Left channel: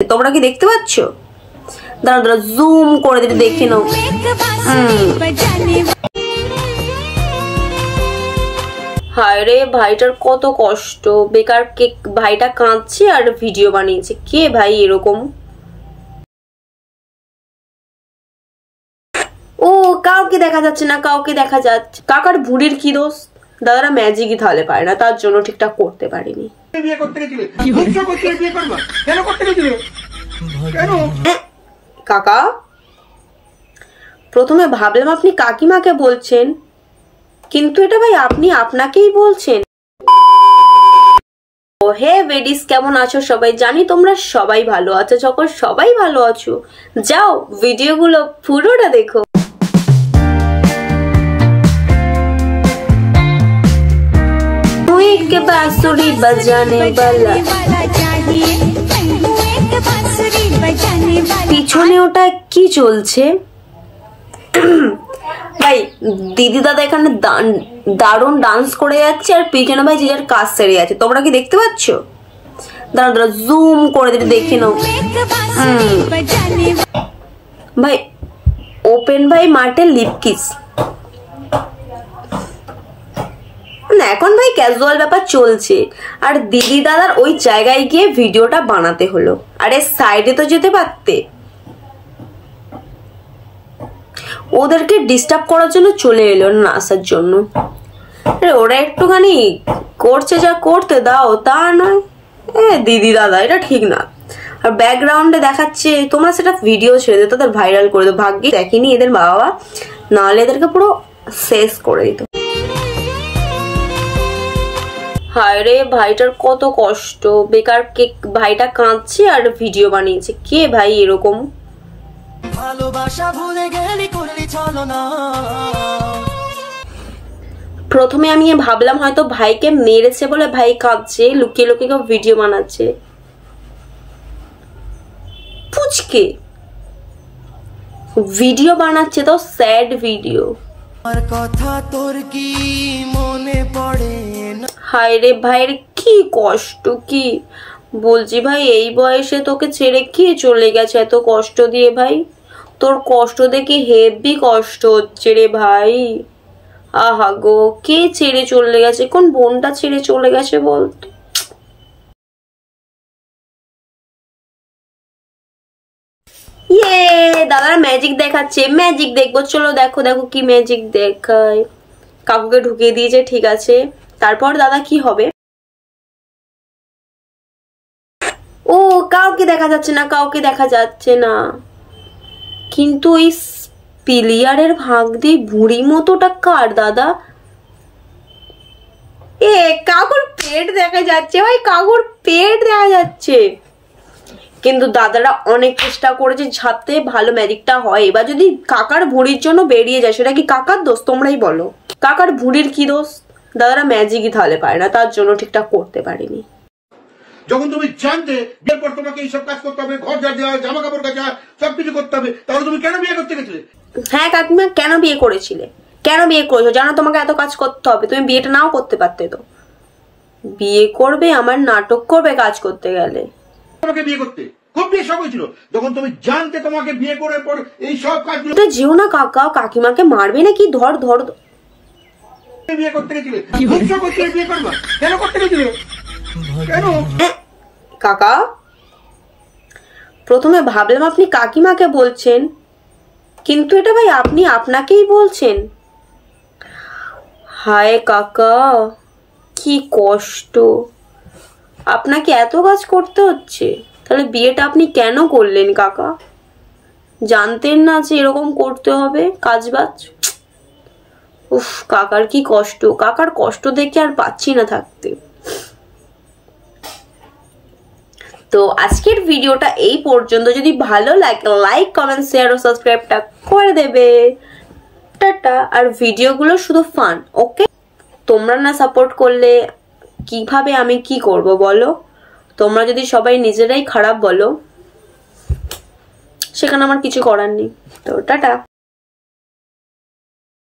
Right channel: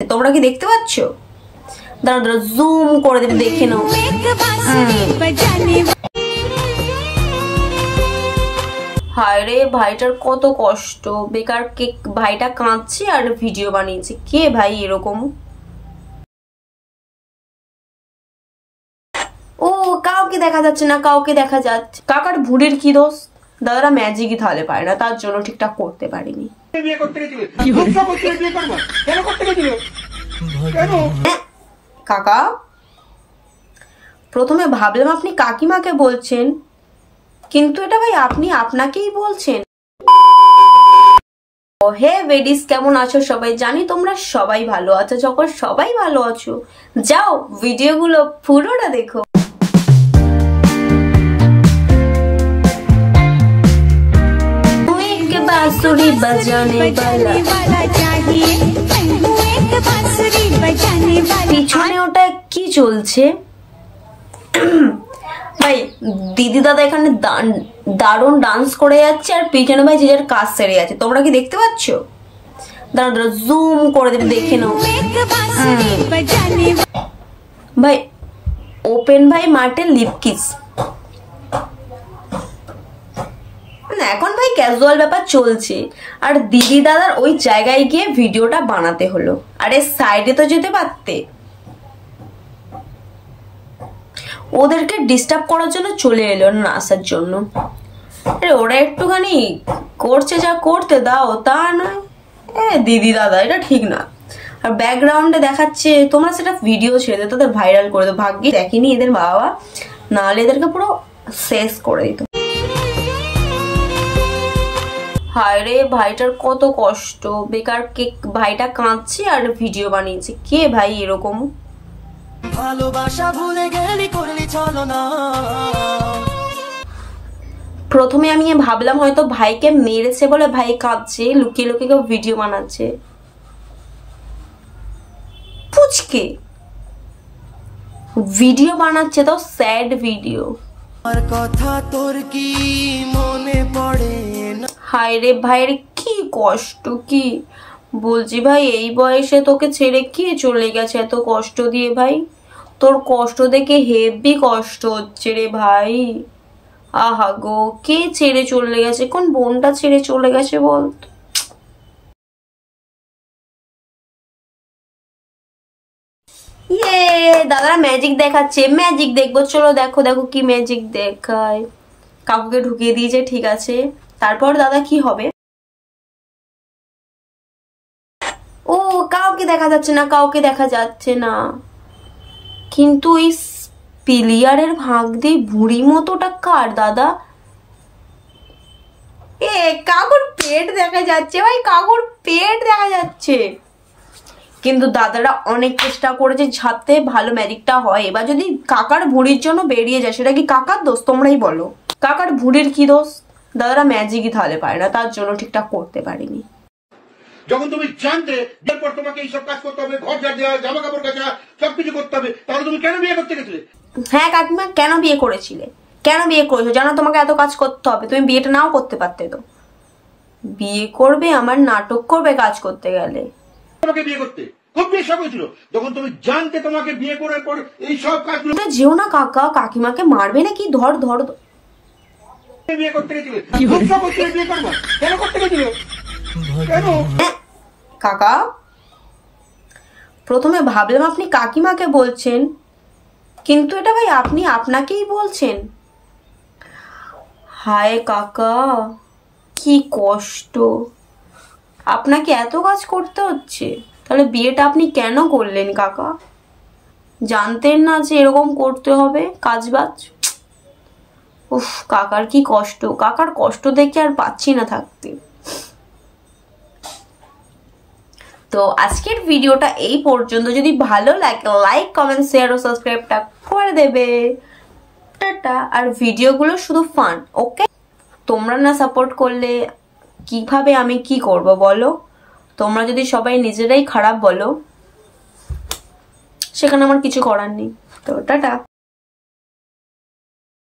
তোমরা কি দেখতে পাচ্ছ? দাঁড়া দাঁড়া জুম করে দিতে দেখে নাও। হায় রে, ভাইটার কত কষ্ট, বেকার ভাইটা কাঁদছে আর ভিডিও বানিয়েছে। কে ভাই এরকম? ও কাউকে দেখা যাচ্ছে না, কাউকে দেখা যাচ্ছে। কাকার ভুঁড়ির কি দোষ? দাদারা ম্যাজিকই তাহলে পারে না, তার জন্য ঠিকঠাক করতে পারিনি। কাকা, প্রথমে ভাবলাম আপনি কাকিমাকে বলছেন, কিন্তু এটা ভাই আপনি আপনাকেই বলছেন। ও হে বেডিস, কেমন আছো সবাই? জানি তোমরা সবাই ভালো আছো। যখন সবাই ভালো আছো, যাও ভিডিওগুলো পুরোটা দেখো। बांसुरी बजाने वाला चाहिए, एक बांसुरी बजाने वाला। পিছনে ওটা কি চলছে? ভাই দিদি দাদা এখানে দারুণ ডান্স করে যাচ্ছে আর পিছনে ভাই যে যার কাজ সেরে যাচ্ছে। তোমরা কি দেখতে পাচ্ছ? দাঁড়া দাঁড়া জুম করে দিতে দেখে নাও। ভাই ওপেন ভাই মাঠে লিপ কিস না, এখন ভাই ক্যাজুয়াল ব্যাপার চলছে আর দিদি দাদার ওই জায়গায় গিয়ে ভিডিওটা বানাতে হলো। আরে সাইডে তো যেতে পারতে। ওদেরকে ডিস্টার্ব করার জন্য চলে এলো না আসার জন্য। আরে ওরা একটুখানি করছে, যা করতে দাও, তা নয় দিদি দাদা, এটা ঠিক না। আর ব্যাকগ্রাউন্ডে দেখাচ্ছে, তোমরা সেটা ভিডিও ছেড়ে দিও, তাদের ভাইরাল করে দাও। ভাগ্যে দেখেনি এদের বাবা, নাহলে এদেরকে পুরো শেষ করে দিত। হায় রে, ভাইটার কত কষ্ট, বেকার ভাইটা কাঁদছে আর ভিডিও বানিয়েছে। কে ভাই এরকম? প্রথমে আমি ভাবলাম হয়তো ভাইকে মেরেছে বলে ভাই কাঁদছে, লুকিয়ে লুকিয়ে ভিডিও বানাচ্ছে। পুচকে ভিডিও বানাচ্ছে, তো স্যাড ভিডিও। কথা তোর কি মনে পড়ে? হায় রে ভাইয়ের কি কষ্ট, কি বলছি ভাই, এই বয়সে তোকে ছেড়ে কে চলে গেছে এত কষ্ট দিয়ে? ভাই তোর কষ্ট দেখে হেভি কষ্ট হচ্ছে রে ভাই। আহা গো, কে ছেড়ে চলে গেছে? কোন বোনটা ছেড়ে চলে গেছে বলতো? ইয়ে দাদারা ম্যাজিক দেখাচ্ছে, ম্যাজিক দেখবো, চলো দেখো দেখো কি ম্যাজিক দেখায়। কাকুকে ঢুকিয়ে দিয়েছে, ঠিক আছে। তারপর দাদা কি হবে? ও কাউকে দেখা যাচ্ছে না, কাউকে দেখা যাচ্ছে না। কিন্তু এই প্লেয়ারের ভাগ দিয়ে বুড়ি মতোটা কার দাদা? কাকুর পেট দেখা যাচ্ছে ভাই, কাকুর পেট দেখা যাচ্ছে। কিন্তু দাদারা অনেক চেষ্টা করেছে যাতে ভালো ম্যাজিকটা হয়। এবার যদি কাকার ভুঁড়ির জন্য বেরিয়ে যায়, সেটা কি কাকার দোষ? তোমরাই বলো, কাকার ভুঁড়ির কি দোষ? দাদারা ম্যাজিকই তাহলে পারে না, তার জন্য ঠিকঠাক করতে পারিনি। যখন তুমি জানতে বিয়ের পর তোমাকে এইসব কাজ করতে হবে, ঘর ঝাড় দেওয়া, জামা কাপড় কাচা, সবকিছু করতে হবে, তাহলে তুমি কেন বিয়ে করতে গেছিলে? হ্যাঁ কাকিমা, কেন বিয়ে করেছিলে? কেন বিয়ে করেছো? জানো তোমাকে এত কাজ করতে হবে, তুমি বিয়েটা নাও করতে পারতে তো। বিয়ে করবে আমার নাটক করবে কাজ করতে গেলে। তোমাকে বিয়ে করতে খুব বিয়ে শখ হয়েছিল, যখন তুমি জানতে তোমাকে বিয়ে করার পর এই সব কাজগুলো। যেও না কাকা, কাকিমাকে মারবে নাকি? ধর ধর। বিয়ে করতে গেছিলে, বিয়ে করবা কেন করতে গেছিলে? কেন? কাকা, প্রথমে ভাবলাম আপনি কাকিমাকে বলছেন, কিন্তু এটা ভাই আপনি আপনাকেই বলছেন। হায় কাকা, কি কষ্ট, আপনাকে এত কাজ করতে হচ্ছে। তাহলে বিয়েটা আপনি কেন করলেন কাকা? জানতেন না যে এরকম করতে হবে কাজ বাজ? উফ, কাকার কি কষ্ট, কাকার কষ্ট দেখে আর পাচ্ছি না থাকতে। তো আজকের ভিডিওটা এই পর্যন্ত। যদি ভালো লাগে লাইক কমেন্ট শেয়ার ও সাবস্ক্রাইবটা করে দেবে। টাটা। আর ভিডিওগুলো শুধু ফান, ওকে? তোমরা না সাপোর্ট করলে কিভাবে আমি কি করব বলো? তোমরা যদি সবাই নিজেরাই খারাপ বলো, সেখানে আমার কিছু করার নেই। তো টাটা।